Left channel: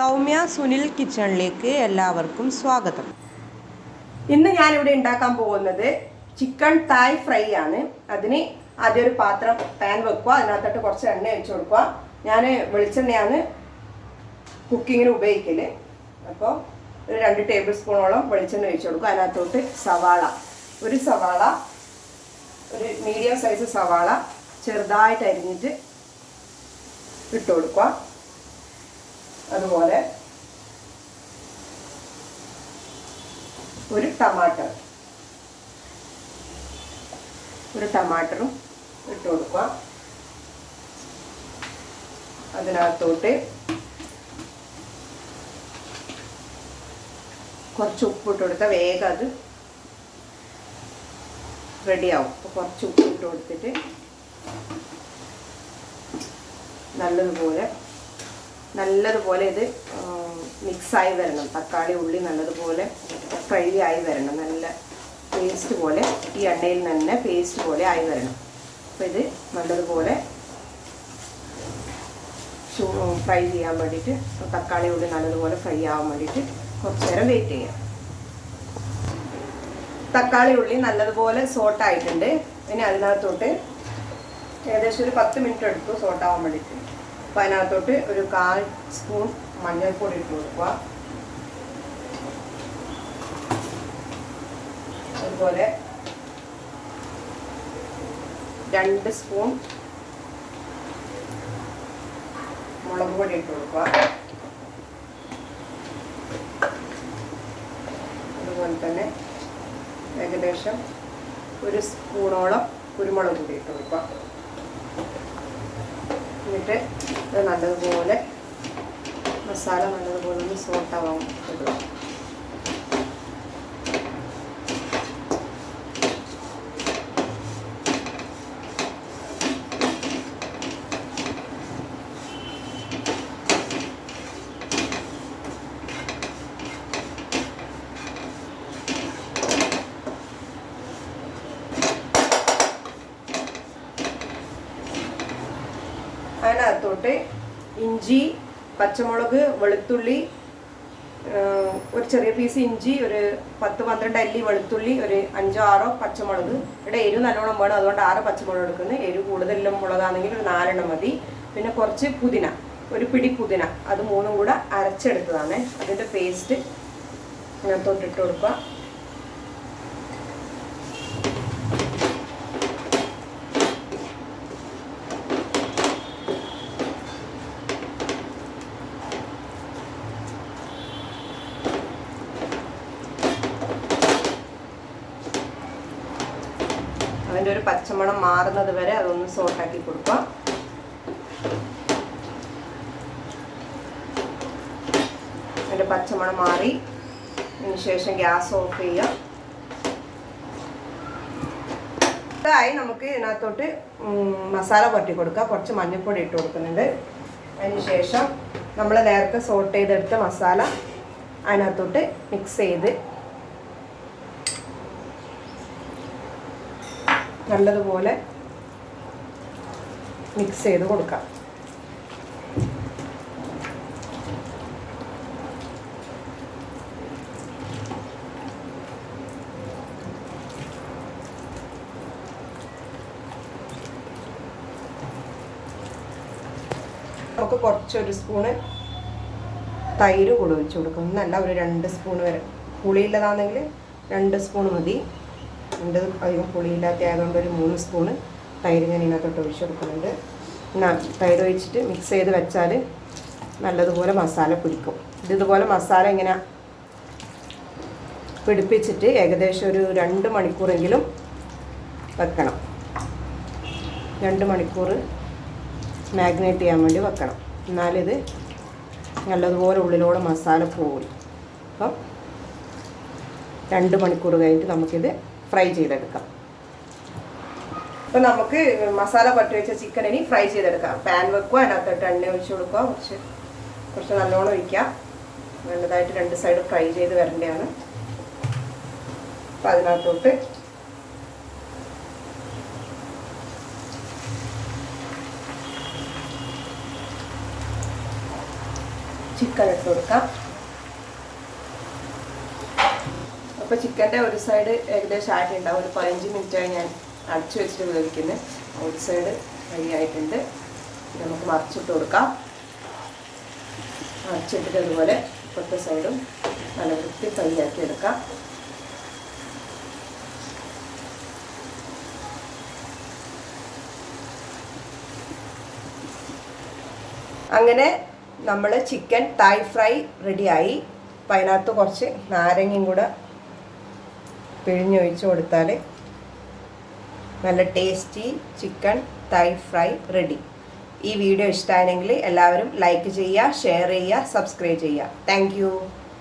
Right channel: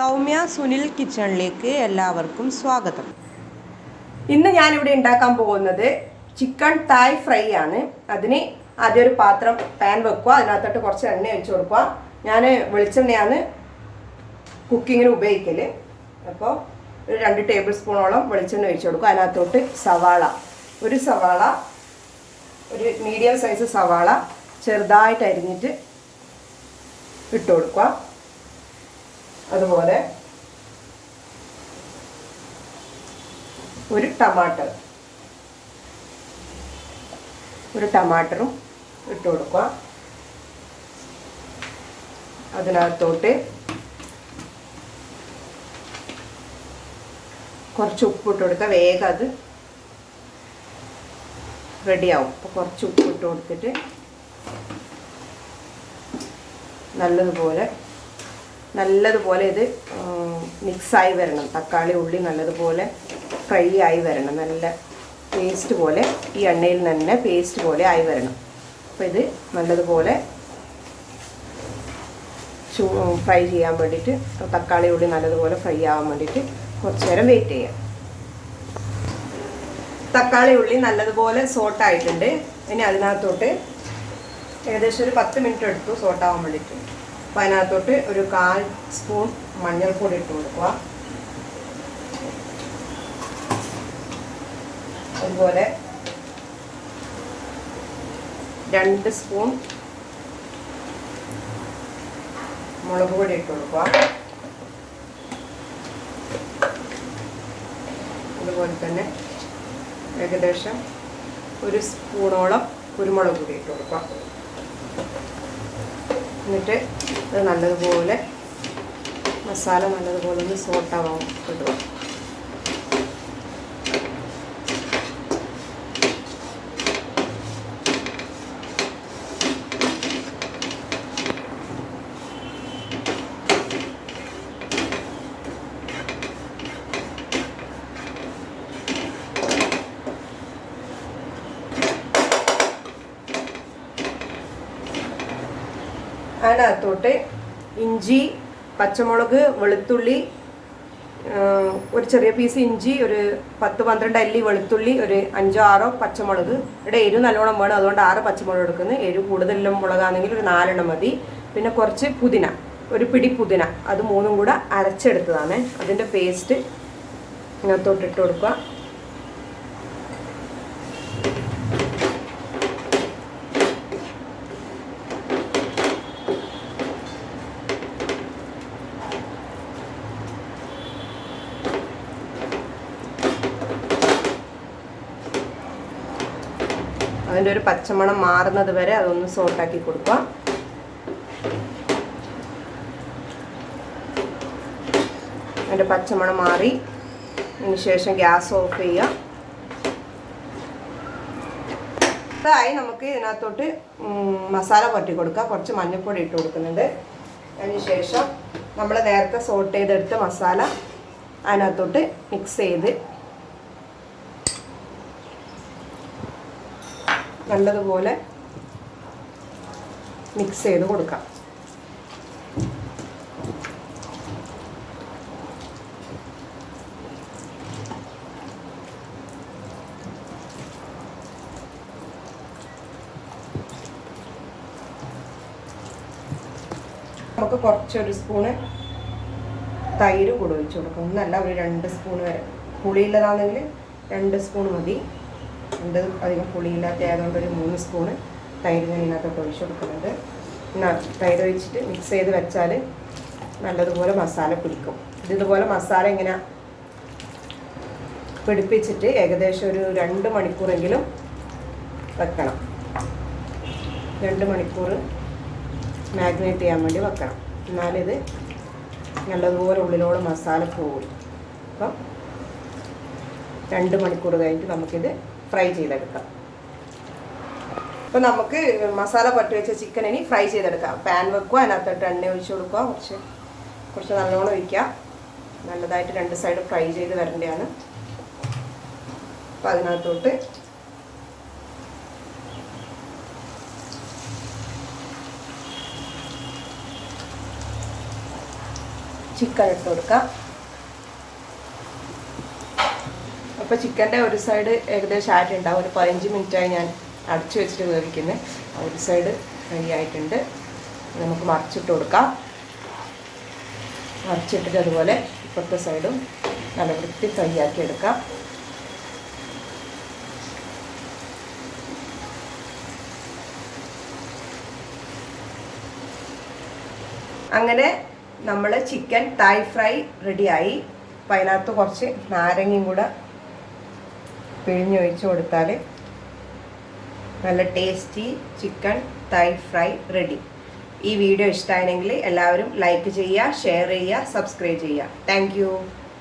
സൗമ്യ സുനിൽ കിച്ചണിലേക്ക് എല്ലാവർക്കും സ്വാഗതം. ഇന്ന് ഞാനിവിടെ ഉണ്ടാക്കാൻ പോകുന്നത് ചിക്കൻ തായ് ഫ്രൈ ആണ്. അതിന് ആദ്യം ഒരു പാൻ വെക്കുക, അതിനകത്തോട്ട് കുറച്ച് എണ്ണ ഒഴിച്ചു കൊടുക്കുക. ഞാൻ വെളിച്ചെണ്ണയാണ് കുക്കിങ്ങിന് ഉപയോഗിക്കല്. അപ്പോൾ ഒരു 2 ടേബിൾ സ്പൂണോളം വെളിച്ചെണ്ണ ഒഴിച്ചു കൊടുക്കുക. അതിനകത്തോട്ട് ഒരു സവാള, ഒരു മീഡിയം സൈസ് സവാള ചെറുതായിട്ട് അരിഞ്ഞിട്ട് ഇട്ട് കൊടുക്കുക. അതുപോലെ ഒരു ടമാറ്ററും ഇട്ട് കൊടുക്കുക. അതിനകത്തോട്ട് കുറച്ച് ഉപ്പ് ഇട്ട് കൊടുക്കുക. വേഗം അത് റെഡിയാവും. അപ്പോൾ കുറച്ച് ഉപ്പ് ഇട്ട് കൊടുത്തിട്ട് നല്ലതുപോലെ ഇത് മിക്സായി വരണം. തക്കാളി ഉള്ളി നല്ലതുപോലെ ഫ്രൈ ആയി വരണം. നല്ല പേസ്റ്റ് പോലെ ഈ എണ്ണയിൽ തന്നെ പേസ്റ്റ് പോലെ ആയി വരണം. അപ്പോൾ ഇത് നല്ലതുപോലെ ഫ്രൈ ചെയ്യാൻ വേണ്ടിയിട്ട്, തക്കാളി ഉള്ളി നല്ലതുപോലെ ഫ്രൈ ആവാൻ വേണ്ടിയിട്ട് കുറച്ച് നേരം വെയിറ്റ് ചെയ്യാം. തക്കാളി ഉള്ളി നല്ലതുപോലെ സോട്ടായിട്ടുണ്ട്. ഇനി അതിനകത്തോട്ട് ഏകദേശം ഒരു 10 മിനിറ്റ് എടുത്തു സോട്ടാവാൻ വേണ്ടിയിട്ട്. അപ്പോൾ അതിനകത്തോട്ട് ഒരു 1/4 സ്പൂൺ മഞ്ഞൾപ്പൊടി ഇട്ട് കൊടുക്കുക. അതുപോലെ 2 സ്പൂൺ മുളക് പൊടി ഇട്ട് കൊടുക്കുക. അതുപോലെ തന്നെ ഏകദേശം 1 സ്പൂണോളം കുരുമുളക് പൊടി ഇട്ട് കൊടുക്കുക. എന്നിട്ട് ഇത് നല്ലതുപോലെ മസാല നല്ലതുപോലെ ഒന്ന് സോട്ടാവാൻ ഇടുക. അതിനകത്തോട്ട് ഇഞ്ചി, പച്ചമുളക്, വെളുത്തുള്ളി, ഒരു ചെറിയ പീസ് ഇഞ്ചി, ഒരു 10-12 അല്ലി വെളുത്തുള്ളി, ഒരു 5-6 പച്ചമുളക്. ഇവിടെ എരിവ് നല്ലോണം വേണം, അതുകൊണ്ട് 6 പച്ചമുളക് എടുക്കുന്നത്. എരിവ് കൂടുതലും മുളകാണെങ്കിൽ ഒരു 4 മതി. പിന്നെ കുറച്ച് പുതിന, ഒരു പിടി പുതിന, അത് 3 കൂടെ അരച്ചെടുത്തതാണ്. അതിൻ്റെ പേസ്റ്റ് ഇതിനകത്തോട്ട് ഇട്ട് കൊടുക്കുക. അതിൻ്റെ ഒരു പച്ചമണം മാറുന്നത് വരെ അതൊന്ന് സോട്ടാക്കി കൊടുക്കുക. അതിൻ്റെ പച്ചമണം മാറി അതിന് ശേഷം ഗ്യാസ് ഓഫ് ചെയ്യുക. ഇതായി നമുക്ക് ഇതിനകത്തോട്ട് മസാല പുരട്ടി കൊടുക്കുക. കുറച്ച് മഞ്ഞൾപ്പൊടി ഇട്ട് കൊടുക്കുന്നുണ്ട്. അതിന് ശേഷം നമ്മൾ നേരത്തെ സോട്ട് ചെയ്തെടുത്ത മസാല അതിനകത്തോട്ട് മിക്സ് ചെയ്ത് നല്ലതുപോലെ മിക്സ് ചെയ്ത് കൊടുക്കാം. നമുക്ക് കുറച്ചൊരു സ്പൂണ് തൈര് കൂടെ ഒഴിച്ച് കൊടുക്കും. ഒന്നല്ല, ഒരു 2 സ്പൂൺ വരെ. പുളിയുള്ളതാണെങ്കിൽ 2 സ്പൂൺ മതി. അധികം പുളിയില്ലാത്ത ആയതുകൊണ്ട് ഒരു 3 സ്പൂണ് തൈര് ഞാൻ ഇതിനകത്തോട്ട് ഒഴിച്ച് കൊടുക്കുന്നുണ്ട്. തൈര് ഒഴിച്ചിട്ട് മിക്സ് ചെയ്ത് വെച്ചാൽ നല്ലതുപോലെ മസാല പിടിക്കും. ഇതുപോലെ മസാല ഇങ്ങനെ പിടിപ്പിച്ചിട്ട് ഏകദേശം ഒരു 2 മണിക്കൂറെങ്കിലും വെക്കണം. 2 മണിക്കൂർ മാഗ്നേറ്റ് ചെയ്യാൻ വേണ്ടി വെക്കണം. എന്നാലിത് നല്ലതുപോലെ ഉള്ളിലൂടെ മസാല പോകും. അപ്പം 2 മണിക്കൂർ കഴിഞ്ഞിട്ട് നമുക്കിത് ഫ്രൈ ചെയ്തെടുക്കാം. അപ്പോൾ നമുക്ക് മസാല പട്ടി വെച്ച ചിക്കൻ ഇനി ഫ്രൈ ചെയ്തെടുക്കാം. പാൻ വെക്കുക, അതിനകത്തോട്ട് എണ്ണ ഒഴിച്ച് കൊടുക്കുക. കുറച്ച് നല്ലോണം ഒഴിക്കുക. നല്ലതായിട്ട് 2 സൈഡ് ഫ്രൈ ചെയ്ത് വരേണ്ടതാണ്. അപ്പോൾ അതിനകത്തോട്ട് ചിക്കൻ ഇട്ട് കൊടുക്കാം. അപ്പോൾ ചിക്കൻ്റെ ഒരു സൈഡ് ഏകദേശം ആയിട്ടുണ്ടാവും. ഒരു 15 മിനിറ്റായി ഞാൻ അടച്ചു വെച്ചിട്ട് വേവിക്കുന്നത്. ഒരു സൈഡ് റെഡി ആയിട്ടുണ്ട്. നമുക്ക് മറിച്ചിട്ട് കൊടുക്കാം. മറിച്ചിട്ടിട്ട് അതുപോലെ ഇപ്പോഴത്തെ സൈഡും നല്ല വൃത്തി ഫ്രൈയാക്കി എടുക്കാം. അങ്ങനെ നമ്മൾ ചിക്കൻ തായ് ഫ്രൈ റെഡിയായി. അപ്പം അതിനകത്ത് കുറച്ച് നാരങ്ങയും കൂടെ പിഴിഞ്ഞൊഴിച്ച് കൊടുത്താൽ നല്ല ടേസ്റ്റി ചിക്കൻ തായ് ഫ്രൈ റെഡി. ഈ വീഡിയോ ഇഷ്ടമായെങ്കിൽ എല്ലാവരും ലൈക്ക് ചെയ്യുക, ഷെയർ ചെയ്യുക, സബ്സ്ക്രൈബ് ചെയ്യുക. താങ്ക്